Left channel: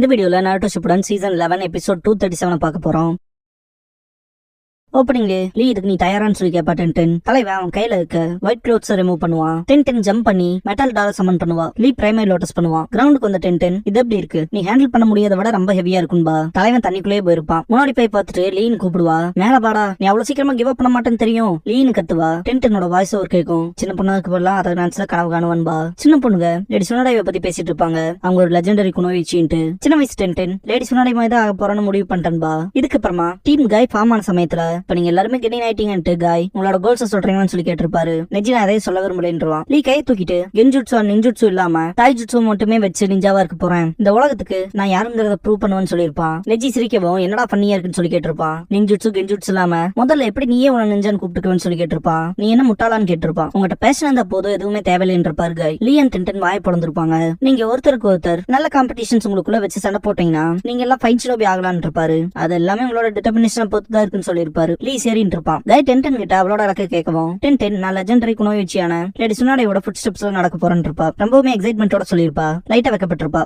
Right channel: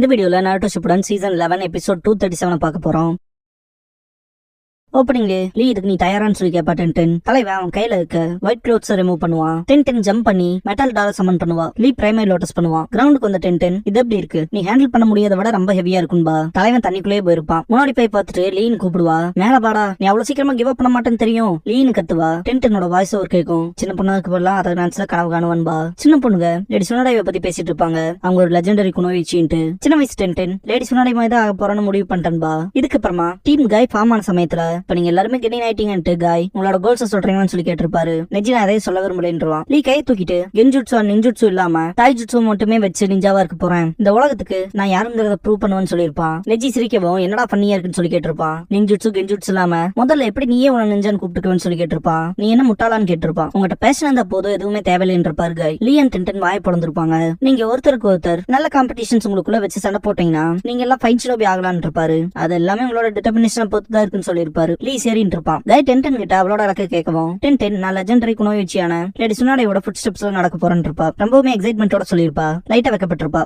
இந்த வீடியோல நாருட்டோ Shippuden season 11 episode 237 பார்க்க போறோம். ஓப்பனிங்ல லீ இதுக்கு நீ தயாரான்னு சொல்லி கேப்பா டென்டென். தலைவன் அவன் கையில இருக்க ஒயிட் க்ளோத்ஸ் ரிமூவ் பண்ணுவான். டென்டென் ஜம்ப் பண்ணி மெட்டல் டால சமன் பண்ணுவா. லீ பிரைமரி லோட்டஸ் பண்ணுவான். கிரவுண்டுக்கு வந்த டென்டென் இது எப்படி இருக்கு, நீ ஹேண்டில் பண்ண முடியாத விட ரொம்ப ஹெவியா இருக்கும்பா. தலைவன் தண்ணிக்குள்ளேயே போயிருப்பான். முன்னாடி போய் பார்த்துட்டு லீன்னு கூப்பிடுவா. மேல பாடா, நீ அவ்வளவு சீக்கிரமா கிவ் அப் பண்ண மாட்டேன்னு தெரியும் லீன்னு கத்துவா. டென்டெனோட வாய்ஸ் ஓவர் கேட்கும். சின்ன பொண்ணுக்கு போலாம் அதை நினைச்சா கனவு காணுவான்பா. சின்ன பொண்ணுங்க லேடி சுனாடைவை பத்தி பேசிட்டு இருப்பாங்க. அவங்க ஒரு லெஜெண்டரி குணோவிச்சின்ட்டு. சின்ன வயசு டென்டென் லேடி சுனாடை மாதிரி தான் ஆக போறேன்னு முடிவு பண்ணிட்டேன்பா. இதுக்கப்புறமா டீம் காய் ஃபார்ம் ஆன சமயத்துல இப்ப நீங்க எல்லாருமே காய் உங்களோட கோல்ஸ் சொல்றீங்கன்னு சொல்லி கேட்டிருப்பாரு. நெஜி நான் அதையே சொல்ல விரும்புறேன்றான். லீ கையை தூக்கிட்டு கென்ஜுட்சு நிஞ்சுட்சு இல்லாம டாய்ஜுட்சு மட்டுமே வச்சு நிஞ்சாவா இருக்க போறேன். இந்த உலகத்துக்கு நான் யாருங்கிறத ப்ரூவ் பண்ணுவேன்னு சொல்லியிருப்பான். நெஜி சிரிக்கவும் என்னடா பண்ணியா இருக்குன்னு சொல்லி கேட்டிருப்பான். நிஞ்சுட்சு கென்ஜுட்சு இல்லாம முதல்ல எப்படி நீயே உன நிஞ்சான்னு கூப்பிட்டுக்குவேன்னு சொல்லி கேட்டிருப்பான். நீ என்ன முட்டாளான்னு கேட்டிருப்பான். உங்ககிட்ட பேஷன் இருந்த போது எதுவுமே தேவையில்லைன்றிருப்பாரு காய். லீ அண்ட் டென்டென் வாய பிறந்திருப்பாங்க. நீங்க ஒருத்தருக்கு ஒருத்தர் நல்ல காம்படிஷன்ஸ் உங்களுக்குள்ள வச்சு சண்டை போட்டீங்கன்னா நீங்க எல்லாம் ஃபைன் ஷிலோபி ஆகலான்னு இருப்பாரு. அது எல்லாமே உங்களோட டிட்டர்மினேஷன் பொறுத்து தான் இருக்குன்னு சொல்லியிருப்பாரு. லீ சரின்னு இருப்பான். காய் டென்டென் கிட்ட அவளோட இலக்கை கேட்கவும் டென்டென் நான் லெஜெண்டரி குணோவிச்சியான லேடி சுனாடையோட ஃபுட் ஸ்டெப்ஸ்ல நடக்க போறேன்னு இருப்பா. ரொம்பவுமே எக்ஸைட்மெண்டோட சொல்லியிருப்பா. லைட்டா வைக்கப்பட்டிருப்பா.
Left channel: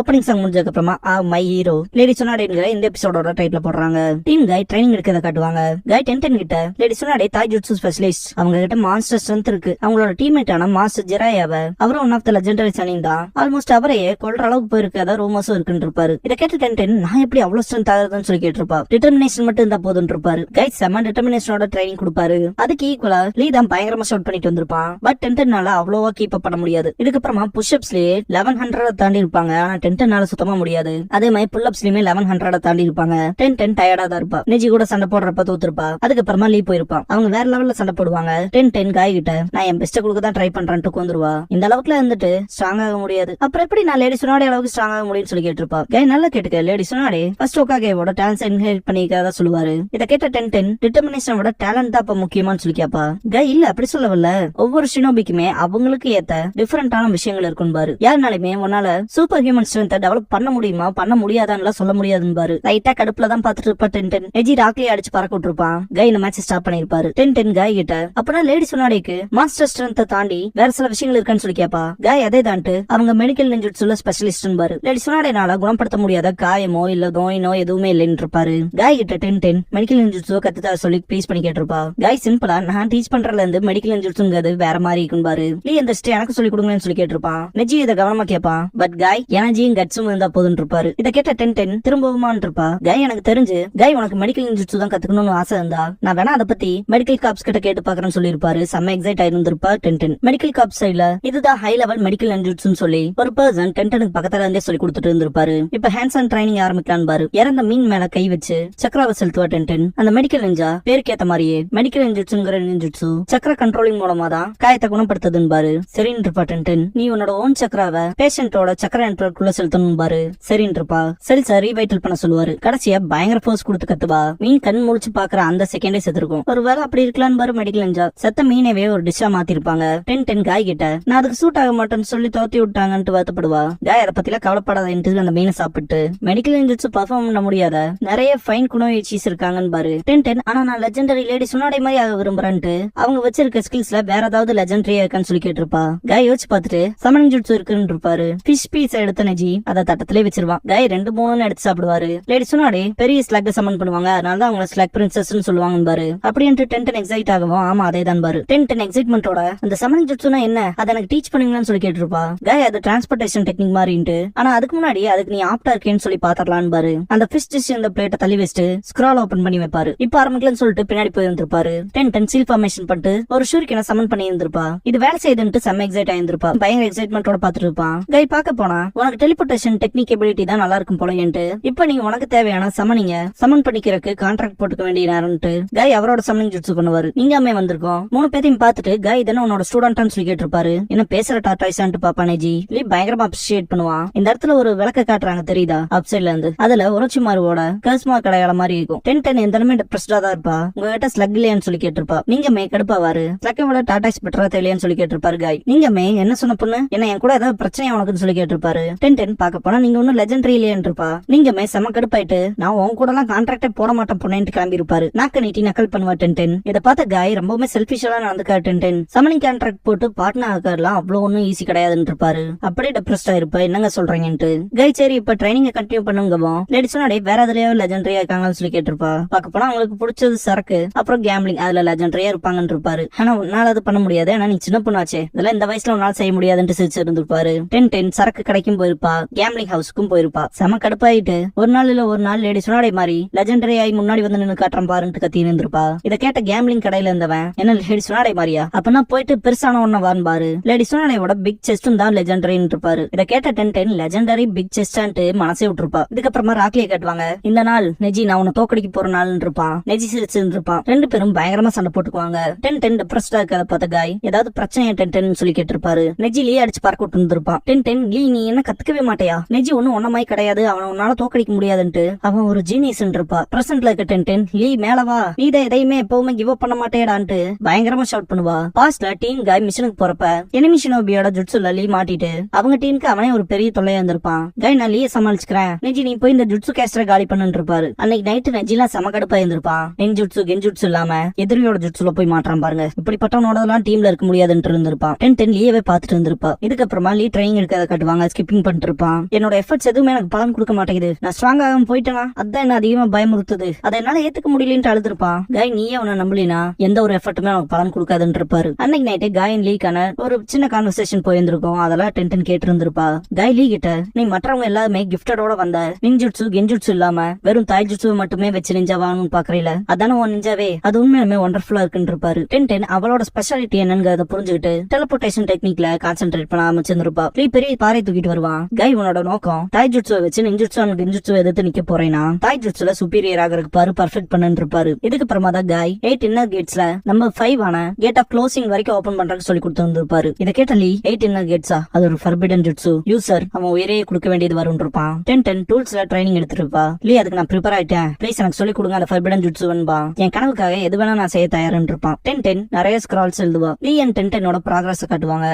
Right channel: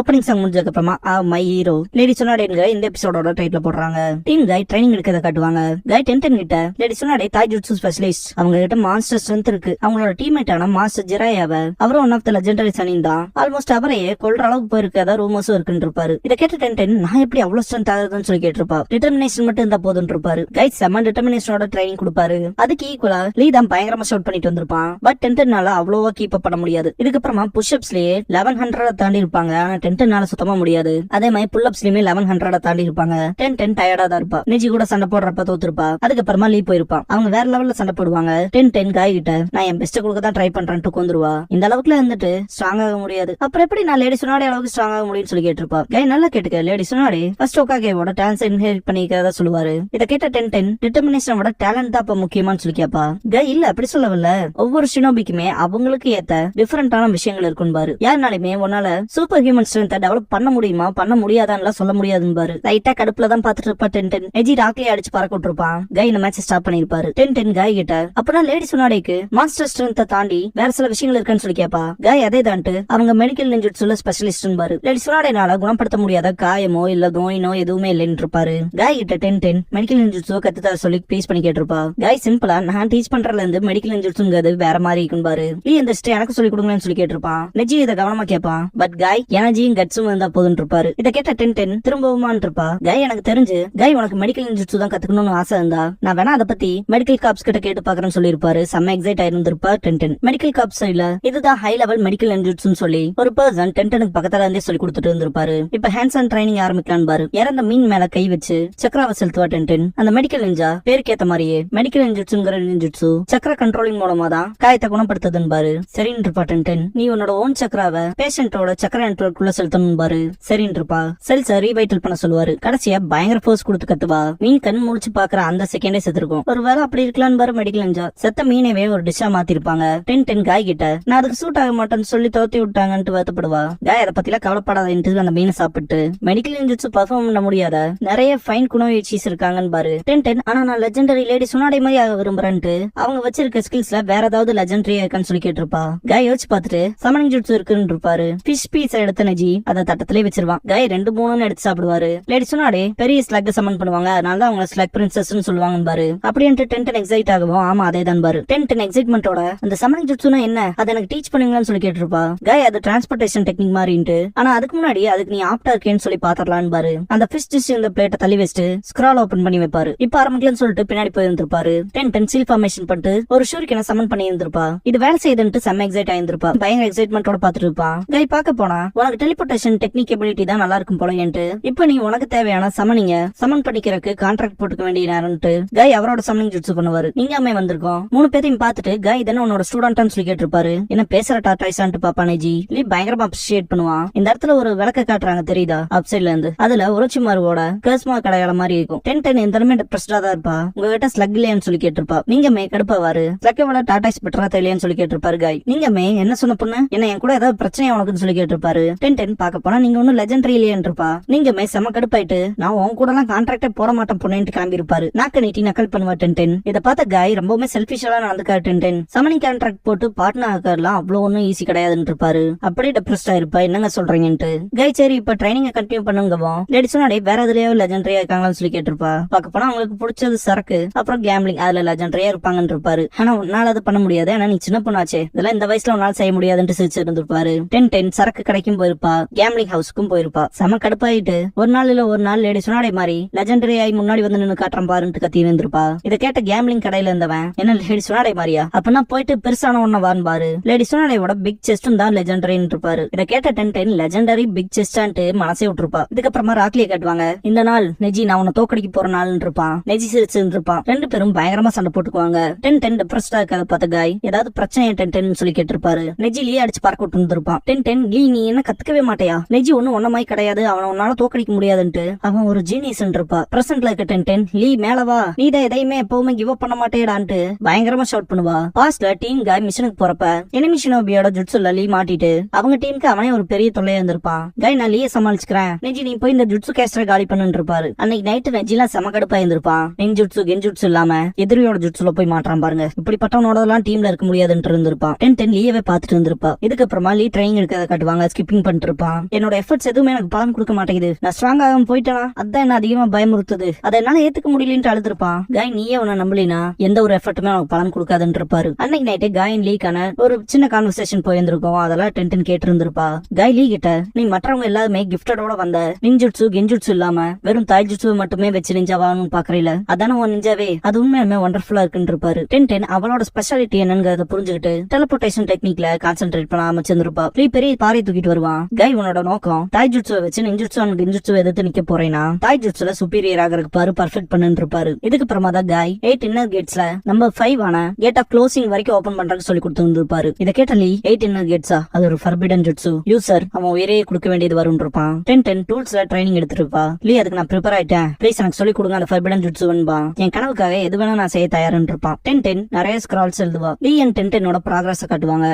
ஓப்பனிங் சாங் முடிஞ்சதுக்கு அப்புறமா மை ஹீரோ லேடி சுனாடேங்கிற இந்த எபிசோடோட டைட்டில் போடுறாங்க. டீம் காய் ட்ரைனிங் எடுக்கிறத காட்டுவாங்க. காய் டென்டென் கிட்ட லேடி சுனாடே தாய்ஜுட்சு ஸ்பெஷலிஸ்ட், அவங்க கிட்ட மாஸ்டர் ஸ்ட்ரென்த் இருக்கு. அவங்களோட டீம்மேட்டான மாஸ்டர் ஜிராயாவ அவரும் ஒன் ஆஃப் த லெஜெண்டரி சனின் தான். ஆல்மோஸ்ட் அவரையே கொல்ற அளவுக்கு போயிருக்கு. அதான் ரூமர்ஸும் இருக்குன்னு இருப்பாரு. இதை கேட்ட டென்டென் நான் எப்படி அவ்வளவு ஸ்ட்ரென்த் ஆகுதுன்னு சொல்லி கேட்டிருப்பா. டிட்டர்மினேஷன் மட்டும் இருந்தா போதும் இருப்பாரு. காய் செம்ம டிட்டர்மினேஷனோட ட்ரைனிங் கொடுப்பாரு. அதுக்கு ஈக்குவலா லீ தான் பயங்கரமா ஷவுட் பண்ணிட்டு வந்திருப்பான். பட் டென்டென்னால அவ்வளவா கீப் அப் பண்ண முடியாது. இதுக்கப்புறமா புஷ்அப்ஸ்லயே 1100 தாண்டி இருப்பாங்க. ஆனா டென்டென்னால சுத்தமா முடியாது. அதே மாதிரி புல் அப்ஸ்லயுமே 1100 தாண்டி இருப்பாங்க. டென்டென் டயர்டா தான் இருப்பா. நெஜி கூட சண்டை போடுறப்ப தோத்துருப்பா. அதுக்கப்புறமா லீ போயிருப்பான். அவங்க வேற லெவல்ல சண்டை போடுவாங்க. டென்டென் காய் கிட்ட நான் என் பெஸ்ட கொடுக்க தான் ட்ரை பண்றேன்ட்டு கொந்துருவா. இந்த அளவுக்குல இருந்துட்டு ஸ்ட்ராங் ஆக முடியாது. அப்புறம் எப்படி நான் லேடி சுனாடே அளவுக்கு ஸ்ட்ராங் ஆக முடியும்னு சொல்லி கேட்டிருப்பா. காய் நல்லா கேட்டுக்க, லேடி சுனாடே ஃபர்ஸ்ட் ஓகாகேவோட டான்ஸ் இன்ஹெரிட் பண்ணிக்கிறதா சொல்லுவாரு. இதை கேட்ட டென்டென் டிட்டர்மினேஷனோட டேலண்ட் தான் இப்ப முக்கியமானு சொல்லி கேப்பா. காய் இல்ல அப்படி சொல்லவில்ல, ஒவ்வொரு ஷினோபிக்குமே அவங்களுக்கு ஏத்த டிஃபரெண்டான விஷயங்கள் இருக்கும் பாரு. யாருனாலுமே உன்னால சூப்பர் ஹியூமன் ஸ்ட்ரென்த்தை டெவலப் பண்ண முடியுமா பண்ண முடியாதான்னு சொல்ல முடியாதுன்னு பாரு. லைட்டா கடுப்புல தான் பாத்துட்டு இருப்பா டென்டென். நெஜி ராக்லி அடிச்சு பறக்க விட்டுருப்பான். காய் இந்த மேட்ச் ஸ்டாப் பண்ணிருப்பாரு. டென்டென் காய் கிட்ட அப்பதான் லேடி சுனாடேக்கு மாஸ்டர் ஸ்ட்ரென்த்தை தாண்டி வேற சில விஷயங்கள் இருக்குன்னு சொல்லி கேப்பா. காய் அதே தான்ட்டு அவங்க மெடிக்கல் நிஞ்சுட்சுல ஸ்பெஷலிஸ்ட் பாரு. லேடி சுனாடேனால குணப்படுத்த முடியாத காயமோ இல்ல நோயினோ எதுவுமே இல்லைன்னு இருப்பாரு. காய் கிட்ட டென்டென் மெடிக்கல் நிஞ்சுட்சு கத்துத்தர சொல்லி ப்ளீஸ் பண்ணி கேட்டிருப்பா. காய் சிம்பிளா நான் டீச் பண்றதுல இருந்து மெடிக்கல் நிஞ்சுட்சுங்கிறது வேற மாதிரி இருக்கும் பாரு. லீ அந்த எனக்கு சொல்லி கொடுங்கன்னு சொல்லி கேட்டிருப்பான். நெஜி இதை கவனமா கேட்பான். பட் காய் எனர்ஜியும் கட்ஸும் இருந்தா போதும் இருப்பாரு. இதை கேட்ட டென்டென் திரும்பவுமான் இருப்பா. காய் எனக்கு தெரிஞ்சு காய் உனக்கு மெடிக்கல் நிஞ்சுட்சு தான் கத்துக்கணும்னு ஆசை இருந்தா நான் வேணா அதை பத்தி மெடிக்கல் காப்ஸ் கிட்ட கேட்டு பாக்குறேன்னு சொல்லிருப்பாரு. செம்ம எக்ஸைட் ஆயிருந்திருப்பா டென்டென். மெடிக்கல் காப்ஸ் சைட்ல இதுதான் ஹை லெவல் மெடிக்கல் நிஞ்சுட்சுன்னு சொல்லி ஒரு பர்சன் டென்டெனுக்கு பக்கத்துல இருந்தே சொல்லி கொடுத்துட்டு இருந்திருப்பாரு. இப்ப ஹேண்ட்ஸ் ஆன் ட்ரைனிங் ஆரம்பிக்கலாம் பாரு. இறந்த மீன் மேல கை வச்சு சக்கராவை செலுத்துவா டென்டென். அந்த மெடிக்கல் நிஞ்சா பேருக்கு ஏத்த மாதிரியே மெடிக்கல் நிஞ்சுட்சுங்கிற நிஞ்சுட்சு சக்கர கண்ட்ரோலிங் மூலமா தான் காயத்தை குணப்படுத்துதுன்னு பாரு. சரின்னு இருப்பா டென்டென். நீ உன்னோட ஓன் சக்கராவை பேஷண்டோட சக்கர நெட்வொர்க்குள்ள செலுத்தணும் பாரு. சரின்னு இருப்பா. செல்ஸ ரீவைட்டல் பண்ண சொல்லுவாரு. கடைசியா பயங்கர ஃபோர்ஸ் கொடுத்து கத்துவா. மீன் கண் முழிச்சு பாக்குற அந்த செகண்டே செத்துருக்கும். ஒரு வேலை அப்படி இருக்கலாம் பாரு. மெடிக்கல் நிஞ்சா செத்த மீனவே ஒரு டிஷ்ஷா மாத்திருப்பாங்க. டென்டென் காய் கிட்ட நான் அதுக்கு சூட் ஆக மாட்டேன்னு சொல்லி தோத்தி விட்டாங்கன்னு வருத்தப்படுவா. காய் அதை பத்தில கவலைப்படாத அந்த மீனை சாப்பிட்டு மெடிக்கல் நிஞ்சுட்சு பெர்ஃபார்ம் பண்ண முடியாத நிறைய ஃபைன் குணோவிச்சிஸ் இருக்காங்கன்னு பாரு. டென்டென் ஆனா நான் லெஜெண்டரி லேடி சுனாடே மாதிரி ஆக விரும்புறேன்ட்டு அவங்க வச்சிருக்க ஸ்கில்ஸ்ல வேற ஏதாவது லெஜெண்டரியா இருக்கான்னு சொல்லி கேட்டிருப்பா. காய் யோசிச்சு பாத்துட்டு சமனிங் ஜுட்சு இருக்குன்னு இருப்பாரு. ஃபிஷ் பீஸ் எடுத்த நெஜி அதை தட்டத்திலே வச்சிருவான். காய் 2-3 எடுத்து சாப்பிடுவாரு. லேடி சுனாடே பெரிய ஸ்லக் சமன் பண்ணுவாங்க. அதனால அவங்க ஸ்லக் பிரின்சஸ் சொல்லுவாங்க பாரு. அப்படின்ட்டு டென்டென் எக்ஸைட் ஆகவும் ஆமா அதே தான் பாரு. டென்டென் எக்ஸைட்மெண்டோட அந்த சமனிங் ஜுட்சுனா என்ன அதை எனக்கு டீச் பண்ணுவீங்கன்னு சொல்லி கேட்டிருப்பா. காய் அது டிரான்ஸ்போர்டேஷன் டெக்னிக் மாதிரின்ட்டு. ஆனா அதுக்கு முன்னாடி அதுக்கு நீ ஆப்டா இருக்கேன்னு சொல்லி பாத்திரலான்னு பாரு. அந்த ஃபிஷ் டிஷ் இந்த பிளேட்டை தள்ளி வச்சுட்டு ஸ்க்ரால் ஓபன் பண்ணி வைப்பாரு. இப்ப ஆரம்பிக்கலன்னு சொல்லிட்டு பின்னாடி போயிருந்திருப்பாரு. டென்டென் சீல் ஃபார்மேஷன் பண்ணிட்டு ஒரு ஷூரிக்கனை சமன் பண்ணி இருந்திருப்பா. இது வேலை செய்யுதுன்ட்டு செம்ம எக்ஸைட் ஆயிருந்திருப்பா. பயங்கர எக்ஸைட்மெண்டோட பாத்துட்டு இருப்பான். காய் பாக்க போனா உனக்கு டெலிபோர்டேஷன் டெக்னிக் எபிலிட்டி தான் நல்லா இருக்கும் போலன்ட்டு இப்ப நீ உனக்கு தேவையான சமன் பண்ணிக்கிறதுக்கு கான்ட்ராக்ட் போட்டுக்க வேண்டிய நேரம்ட்டு காய் அவரோட சமனிங் ஜுட்ஸு பண்ணுவாரு. நீங்க அம்மே வந்திருக்கோம் 3 பேரையும் பார்த்துட்டு காய் தானே உன்னோட ஸ்டூடெண்ட்னு சொல்லி கேட்டிருப்பாரு. என்ன பேசுற டாட்டாய்ஸான்ட்டு பாப்பா நெஜி லீ பயங்கரமா அப்ரிஷியேட் பண்ணுவான். இந்த இடத்துல ஒரு விளக்க காட்டுறாங்க தெரியுதா அப்சைட்ல இருந்து. அதுல உரோச்சிமாருவோட கர்ஸ்மா கடையாள மாதிரி இருக்கும். 10 எந்த டிப்ரெஸ்டா தான் இருப்பா. உங்ககிட்ட ஸ்லக் இல்லையான்னு சொல்லி கேட்டிருப்பா. நீங்க மே கடுப்பாவாரு ஸ்லக்கை விட டாட்டாய்ஸ் பெட்டரா தெரியலையான்னு சொல்லி கேட்டிருப்பாரு காய். நீங்க மே என்ன சொன்ன பொண்ணு என்ன என் கூட ஏதாவது பிரச்சனை உனக்குன்னு சொல்லி கேட்டிருப்பாரு. 10 பார்க்க போனா நீங்க ஒன்னும் லெஜெண்டரி இல்லையான்னு இருப்பா. நீங்க மே செம கடுப்பாயிட்டு நான் உன் கூட எல்லாம் கான்ட்ராக்டே போட மாட்டேன் பொண்ணு கிளம்பி இருப்பாரு. நாக்க நீட்டி நக்கல் பண்ணுவா 10. இதை பார்த்த காய் ரொம்பவுமே செல்பிஷா நடந்துக்காரு 10. சமனிங் கான்ட்ராக்ட் போட்டு பார்ட்னர் ஆகலாம் அவ்வளவு ஒன்னும் ஈஸி கிடையாதுன்னு இருப்பாரு. அப்படியே டிப்ரெஸ்டா இருப்பா. என்னங்க சொல்றீங்கன்ட்டு காய் சரி இப்ப ட்ரைனிங் கண்டினியூ பண்ணுங்கவோ நடிச்சோட வேற எதுலயோ லெஜெண்டரியா இருக்காங்கன்னு சொல்லி கேட்டிருப்பா. பார்க்க போனா அவங்களுக்கு பிடிச்சது சரக்கு அப்புறம் கேம்பிளிங் அதுல லெஜெண்டரியா இருப்பாங்கன்னு இருப்பாரு. ஆனா உன்னால அது பண்ண முடியாது. ஆனா நீ சின்ன பொண்ணாச்சே இதெல்லாம் இந்த வயசுல உன்னால செய்ய முடியாதுன்னு சிரிச்சு இருந்திருப்பாரு. 10 சரக்கு கடைக்கும் போயிருப்பா கேம்பிளிங் ஹவுஸ்க்கும் போயிருப்பா. செம கடுப்பாயிட்டு ஒரு நாள் இல்ல ஒரு நாள் லேடி சொன்னாடே மாதிரி லெஜெண்டரி ஆகி முன்னாடி வந்து நின்னு காட்டுறான் பாருன்ட்டு கத்தி இருந்திருப்பா. இதை கேட்ட கேம்பிளிங் கடையில இருந்தவன் என்ன லேடி சொன்னாடே மாதிரியா அப்பனா போயிட்டு பெருசான ஒன்ன வான்னு பாரு. லேடி சொன்னாடையோட பிக் செஸ்டும் தான் லெஜெண்டரின்னு இருப்பாரு. இதை கேட்ட 10 லெஜெண்டரி பிக் செஸ்டான்ட்டு மனசே விட்டுருப்பா. இதுக்கப்புறமா ராக்லியை கேட்டுவாங்க. இந்த நாள் நெஜி நான் உன்னை தோக்கடிக்க போற நாள் இருப்பான். நெஜி சிரிச்சு இருப்பான். 2 பேரும் பயங்கரமா சண்டை போட்டுக்குவாங்க. 10 டிப்ரெஸ்டா இருக்காத பார்த்த காய் ஏதாவது பிரச்சனை 10 சொல்லி கேட்டிருப்பாரு. நெஜி லீ அடிச்சு பார்க்க விட்டு இருந்திருப்பான். 10 லீ நீ என்ன கத்துக்கவே மாட்டியா நெஜி ஒன்னும் ஒன்னமாய் கிடையாது அவன் உன்னால தோக்கடிக்க முடியாதுன்ட்டு அவன் ஒரு ஜீனியஸ் இருப்பா. பிரசன்ட்ல இருக்க 10 லீ மேலவா நீ தான் எதையுமே எப்பவுமே கிவ் அப் பண்ண மாட்டேடான்ட்டு பயங்கரமா ஷவுட் பண்ணுவா. பாஸ்ட்ல டீம் காய் மிஷனுக்கு போறப்ப எனிமி ஷினோபியோட ஜுட்சுல லீ மாட்டிட்டு அவங்க டீமுக்கு அவனே ஒரு பெரிய தொல்லையா இருந்திருப்பான். காய் நான் லீய சமாளிச்சுக்கிறேன் நெஜி நீ போய் இந்த ஜுட்சு கேஸ்டரை காலி பண்ணு இருப்பாரு. அன்னைக்கு நைட்டு நெஜிலாம் செம கடுப்பா இருந்திருப்பான். நெஞ்சுட்சு கெஞ்சுட்சு இல்லாம எதிரியோட ஜுட்சுல போய் மாட்டான் பாருங்க. இப்படிப்பட்டவனோட எல்லாம் டீம்ல இருக்க முடியாதுன்னு இருந்திருப்பான். 10 லீயவே பாத்துட்டு இருந்திருப்பா. இதுக்கப்புறமா லீ ட்ரைனிங் எடுக்கிறத காட்டுவாங்க. ஸ்கிப்பிங் பண்ணிட்டு இருப்பான். என்னோட எஃபர்ட்ஸ் எதுவுமே எனக்கு பலன் கொடுக்க மாட்டேங்குது. நான் ஸ்ட்ராங் ஆகாம போயிட்டேனா அதான் என்ன அதிகமா பயமுறுத்துது. அதை என்னால ஏத்துக்க முடியலன்னு அழுதுருப்பான். காய் நீயே உன்ன நம்பலினா எந்த ஒரு எஃபர்ட்டுமே அவனுக்கு பலன் கொடுக்காதுன்னு இருப்பாரு. அன்னைக்கு நைட்டு காயின் லீக்கான ஒரு சின்ன கான்வர்சேஷன் போயிருந்திருக்கும். அதெல்லாம் 10 கேட்டு இருந்திருப்பா. காய் லீ கிட்ட நீ மற்றவங்க எல்லாருமே கிஃப்டடோட வந்த நிஞ்சுட்சு கெஞ்சுட்சு இல்லாம வெறும் தாய்ஜுட்சு மட்டுமே வச்சு நிஞ்சாவான்னு பாக்குறீல அதான உன் நிஞ்சாவே அது உண்மையுமே ஒண்டர்ஃபுல்லா இருக்குன்னு இருப்பாரு. 10 அவளோட ஸ்பெஷாலிட்டி என்னங்கறத புரிஞ்சுக்கிட்டு டெலிபோர்டேஷன் டெக்னிக்ல கான்சென்ட்ரேட் பண்ண ஆரம்பிச்சிருப்பா. லீ பெரிய பாறை தூக்கிட்டு வருவான். காய் உன்னோட நோக்கம் தாய்ஜுட்சுவை வச்சு நிஞ்சுட்சு அண்ட் கெஞ்சுட்சு எதிர்த்து நிக்க போறேன்னா தாய்ஜுட்சுல சுப்பீரியர் ஆகிறதுக்கு பாரு பர்ஃபெக்ட் பண்ணு இருப்பாரு. இதுக்கு அப்புறமா தான் காய் 8 இன்னர் கேட்ஸ்ல நம்பர் 5 ஆன கேட் ஆஃப் க்ளோசிங் வரைக்கும் ஓபன் பண்றதுக்கு சொல்லி கொடுத்து வந்திருப்பாரு. இதை கேட்ட லீ 8 இன்னர் கேட்ஸா அது ஒரு ஃபர்பிடன் ஜுட்சு யூசர் அவன் உயிரையே கொடுக்க வேண்டியது வரும் இருப்பான். 10 டூல்ஸ்ல ட்ரைனிங் எடுத்துருப்பா. லீ அதுக்கு நான் ப்ரிப்பேர் ஆயிட்டேன் ப்ளீஸ் எனக்கு சொல்லி கொடுங்க அந்த ஃபர்பிடன் ஜுட்சுவன்பா. என் கனவுக்காக எது வேணா நான் செய்ய தயாருன்னு இருப்பான். 10 நிறைய ஸ்க்ரால்ஸ் எழுதுவா. லீ அண்ட் 10 ப்ராக்ரஸ் காட்டுவாங்க.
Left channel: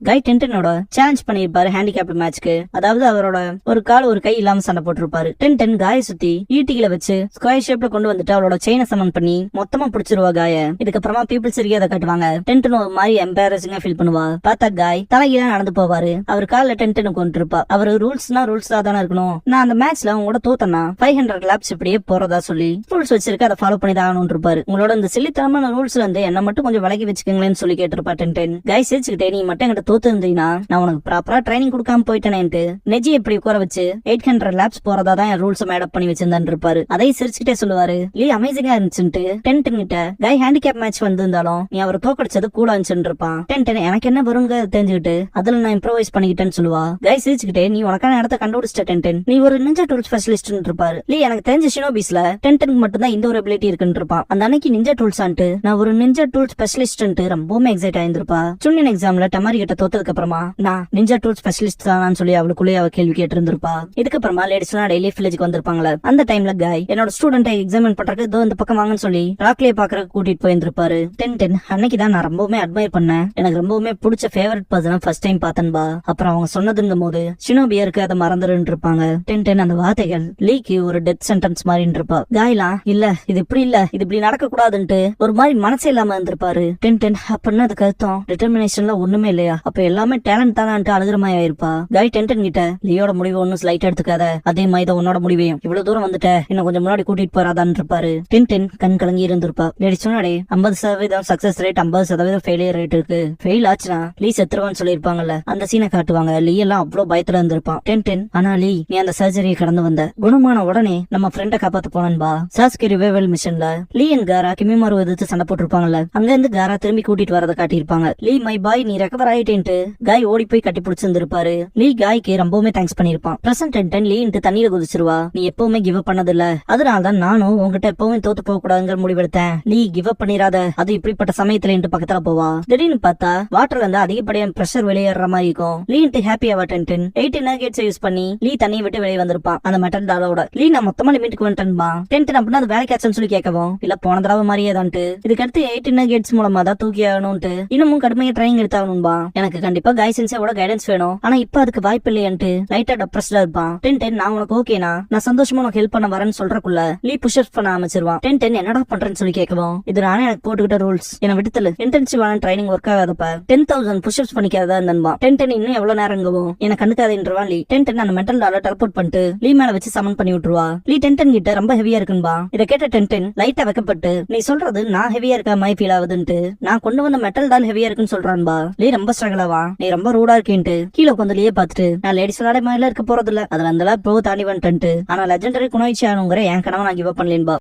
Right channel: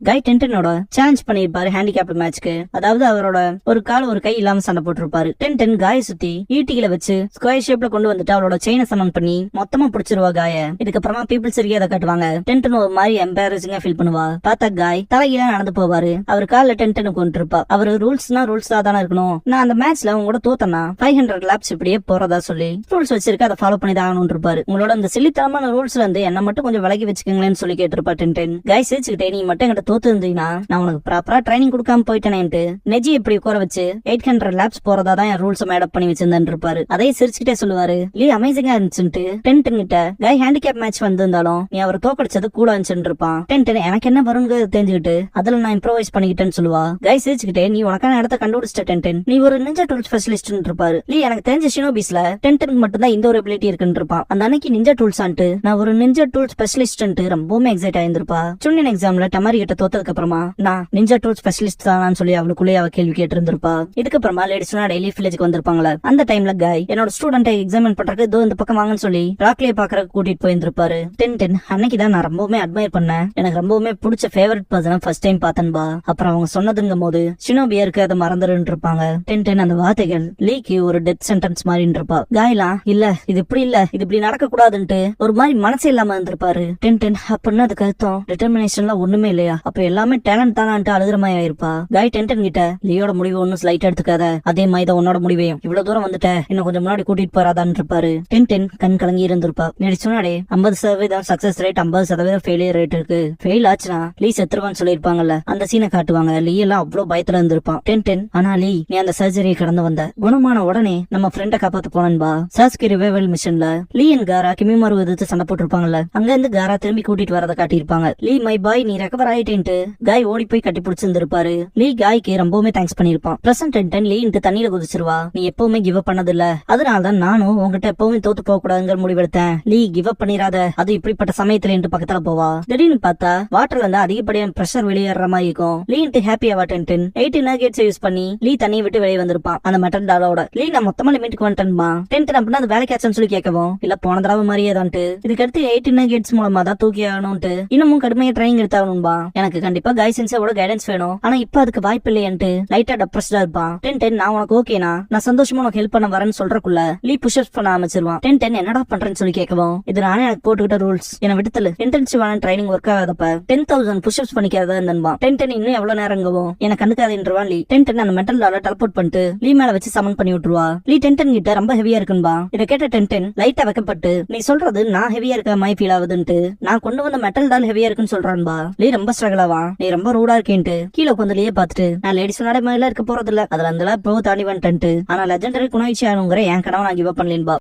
காய் 10 சேலஞ்ச் பண்ணிருப்பாரு ஹேண்டிகேப் மேட்ச்க்கு. அதாவது அவரோட ஒரு கால் ஒரு கை இல்லாம சண்டை போட்டிருப்பாரு. 10 காய சுத்தி ஈட்டிகளை வச்சு ஸ்கொயர் ஷேப்ல கொண்டு வந்துட்டு அவளோட செயினை சமன் பண்ணி மொத்தமா பிடிச்சிருவா காய. இதுக்கப்புறமா பீப்புள் சரியா அதை காட்டுவாங்க. 10 ஒரு மாதிரி எம்பாரசிங்கா ஃபீல் பண்ணுவா. பார்த்தா காய் தலைகீழ நடந்து போவாரு. அவர் கால 10 கொண்டு இருப்பா. அவரு ரூல்ஸ்னா ரூல்ஸா தானே இருக்கணும். நான் அந்த மேட்ச்ல உங்களோட தோத்தனா 500 லேப்ஸ் இப்படியே போறதா சொல்லி ரூல்ஸ் வச்சிருக்க அதை ஃபாலோ பண்ணி தான் ஆகணும் இருப்பாரு. உங்களோட இந்த சில்லித்தனமான ரூல்ஸ்ல இருந்து என்ன மட்டும் கொஞ்சம் விலகி வச்சுக்கீங்களேன்னு சொல்லி கேட்டிருப்பா 10. காய் சிரிச்சுக்கிட்டே நீ மட்டும் தோத்து இருந்தீங்கன்னா நான் உனக்கு ப்ராப்பரா ட்ரைனிங் கொடுக்காம போயிட்டேனேன்ட்டு நெஜி எப்படி உட்கார வச்சு 800 லேப்ஸ் போறதா தான் என் ரூல்ஸ் மேடப் பண்ணி வச்சிருந்தான்னு இருப்பாரு. அதே சிரிச்சுக்கிட்டே சொல்லுவாரு. லீ அமேசிங்கா இருந்துச்சுட்டு 10 கிட்ட காய் ஹேண்டிகேப் மேட்ச் வந்திருந்தாலும் நீ அவர் தோக்கடிச்சது கூட இருந்துச்சுன்னு இருப்பான். 10 எனக்கு என்ன வருங்க தெரிஞ்சுக்கிட்டு அதுல நான் இம்ப்ரோவைஸ் பண்ணிக்கிட்டேன்னு சொல்லுவா. காய் சிரிச்சுக்கிட்டே நீ உனக்கான இடத்த கண்டுபிடிச்சிட்ட 10 நீ ஒரு நிஞ்சா டூல் ஸ்பெஷலிஸ்ட் இருப்பாரு. லீ எனக்கு தெரிஞ்ச ஷினோபிஸ்ல 10 மட்டும் தான் இந்த ஒரு எபிலிட்டி இருக்குன்னு இருப்பான். அந்த அன்னைக்கு நிஞ்சா டூல்ஸ் ஆன்ட்டு நான் ஒரு நிஞ்சா டூல் ஸ்பெஷலிஸ்ட் ரொம்பவுமே எக்ஸைட் ஆயிருந்திருப்பா. சுன்னின் எக்ஸாம்ல டமாரி கிட்ட தோத்ததுக்கு அப்புறமா நான் நிஞ்சா டூல் ஸ்பெஷலிஸ்ட் தான் சொல்லி அவளுக்குள்ளே அவ கேள்வி கேட்டு இருந்திருப்பா. இதுக்கப்புறமா லேடிஸ்னா டெய்லி வில்லேஜ்க்கு வந்திருப்பாங்களா. அந்த டைம்ல காய் என்னோட ஸ்டூடெண்ட் எக்ஸாமின் பண்றதுக்கு இதோ இந்த பக்கம் வாங்கன்னு சொல்லி ராக்லியை பாக்குறதுக்கு கூட்டிட்டு போயிருந்திருப்பாரு. 10 அன்னைக்குதான் நான் ரொம்பவுமே அட்மையர் பண்ணேன். எனக்கு ரொம்பவுமே பிடிச்ச ஃபேவரட் பர்சன் ஃபர்ஸ்ட் டைம் பார்த்தேன்பா. அப்புறம் அவங்க சொன்னதுங்கும் போது ஷினோபியா இருக்கு அதை மறந்துருன்னு இருப்பாங்க. 10 அந்த வார்த்தைகள் லீக்கு ஒரு டெத் சென்டென்ஸ் மாதிரி இருப்பா. காயலாம் இல்ல இது இப்படி இல்ல இது இப்படி நடக்க கூடாதுன்ட்டு ஒரு மாதிரி மனசே இல்லாம இருந்திருப்பாரு. 10 அப்படின்னு அதுக்கு அர்த்தம் டிட்டர்மினேஷன்ல ஒண்ணுமே இல்லையா அப்ப எல்லாமே டேலண்ட் தானே அழுகுற மாதிரி ஆயிருப்பா. காய் டென்டன் கிட்ட லீயோட முடிவு ஒன்னும் ஸ்லைட் எடுத்துக்காத, அதே மாதிரி தான் உன்னோட முடிவையும் இவ்வளவு தூரம் வந்துட்ட இன்னும் கொஞ்சம் முன்னாடி கூட்டிட்டு போறாதான் இருப்பாரு. டென்டன் கண் கலங்கி இருந்திருப்பா. லேடி சொன்னாடே 50% சக்சஸ் ரேட் 50% ஃபெயிலியர் ரேட் இருக்கு. ஃபெயில் ஆச்சுன்னா லீ செத்துருவான்னு சொல்லிருப்பாங்கல்ல, அந்த சீனை காட்டுவாங்க. லீ எல்லாம் அவ்வளவு பயத்துல இருந்திருப்பான். டென்டன் ஆனா லீ நீ அந்த சர்ஜரியை கடந்து வந்த, குணமான உடனே நம்ம ஃப்ரெண்ட காப்பாத்த போனன்பா. சாஸ்கி ரிவைவல் மிஷன்ல லீ அண்ட் காரா கிமிமாரு எதிர்த்து சண்டை போட்டிருப்பாங்கல்ல, அங்க இருந்து காரா திரும்பி கூட்டிட்டு வரத காட்டியிருப்பாங்க. லீ மை பாய் நீ ரெக்கவர் ஆயிட்டேன்ட்டு காய் ஓடி போய் கட்டி பிடிச்சிருந்திருப்பாரு. லீ காய்க்கு ரொம்பவுமே தேங்க்ஸ் பண்ணிருப்பான். பிரசன்ட் டென்டன் லீ தண்ணியில குதிச்சிருவா. நீ எப்பவுமே கிவ் அப் பண்ணது இல்ல, அதனாலதான் நானும் உங்ககிட்ட எப்பவுமே தோத்து போக கூடாதுங்கிற முடிவெடுத்தேன். லீ கிவ் அப் பண்ணிராத, அது இப்படிப்பட்ட சமயத்துல பக்கத்துல போவா. திடீர்னு பார்த்தா வாட்டர்ல இருந்து அதிகப்படியான பிரஷர் வெளியேற மாதிரி இருக்கும். லீ ஹாப்பி ஆவா. டென்டன் 18 நகேட்ஸ் யூஸ் பண்ணி லீ தண்ணியை விட்டு வெளியே வந்திருப்பான் அந்த மெட்டல் டாலோட. லீ நான் மொத்தமா லிமிட்டுக்கு வந்துட்டேன்பா. டென்டன் அப்படின்னா அது வேலைக்காச்சுன்னு சொல்லி கேட்கவும், இல்ல போன தடவை மாதிரியே தான்ட்டு இதுக்கடுத்து 18 நகேட்ஸ் மூலமா தான் தூக்கி ஆகணும்ட்டு இன்னமும் கடுமையா ட்ரைனிங் எடுத்தாகணும்பா. எனக்கு கண்டிப்பா காய் சென்ஸோட கைடன்ஸ் வேணும், ஆனா இப்ப அதுக்கு வாய்ப்பு இல்லையன்ட்டு லைட்டா டெப்ரஸ்டா இருப்பான். டென்டன் நான் உனக்கு ஓகேனா, நான் சந்தோஷமா உனக்கு ஹெல்ப் பண்ண வரேன்னு சொல்றக்குள்ள லீ புஷ்அப்ஸ் பண்ண ஆரம்பிச்சிருவான். டென்டன் என்னடா பண்றேன்னு சொல்லி கேட்கவும், இது நானே எனக்கு போட்டுக்கிட்ட ரூல்ஸ், என்ன விடுத்தல இன்டென்சிவான ட்ரைனிங் ஒர்க் ஆகாதப்ப 10,000 புஷ்அப்ஸ் பண்ணிக்காதா இருந்தன்பா. டென்டன் இன்னும் எவ்வளவு நேரங்கவும் எனக்கு கண்டுக்காதுன்றவான் லீ. டென்டன் அந்த மெட்டல் டால டெலபோர்ட் பண்ணிட்டு லீ மேல வச்சு சமன் பண்ணி விட்டுருவா. லீ டென்டன் கிட்ட ரொம்ப ஹெவியா இருக்குன்பா. இதை கேட்ட டென்டன் லைட்டா வைக்கப்பட்டு, நீ சொல்றது நான் ஹெவியா இருக்க மாதிரி ஃபீல் ஆகுதுன்ட்டு நான் கொண்டு வந்த மெட்டல் டால் ஹெவியா இருக்குன்னு சொல்றான்பா. லீ ரொம்ப ஸ்ட்ரகிள் ஆவா, நீ ரொம்ப ரூடா இருக்கேன்ட்டு கீழே கொஞ்சம் லீயே பாத்துட்டு, நான் லேடிஸ் விளையாட மேல இருக்க போறது இல்ல, அதுல அந்த ப்ரோ தாண்டி வந்துட்டு, ஆனா லெஜெண்டரி குணாய்ச்சி ஆனுங்கிற என் கனவை நான் கிவ் அப் பண்ணலேன்பா.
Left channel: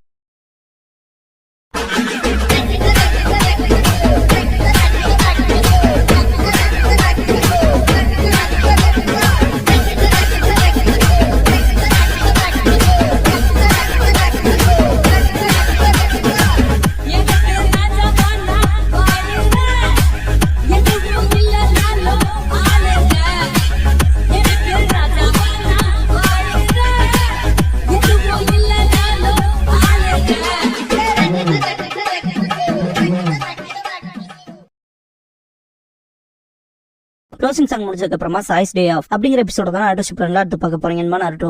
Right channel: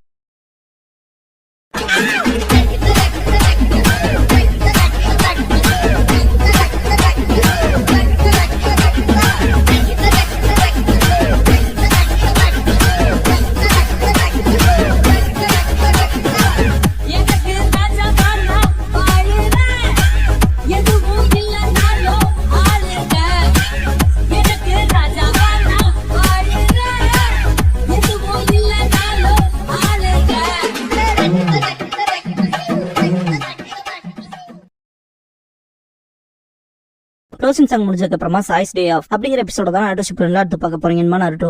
க்ளோசிங் சாங் முடிஞ்சதுக்கு அப்புறமா சாய்ஸ் டே ஆஃப் அப்படிங்கிற எபிசோட தான் நாருட்டோ ஷிப்ல எடுத்து பார்க்க போறீங்க. நாருட்டோ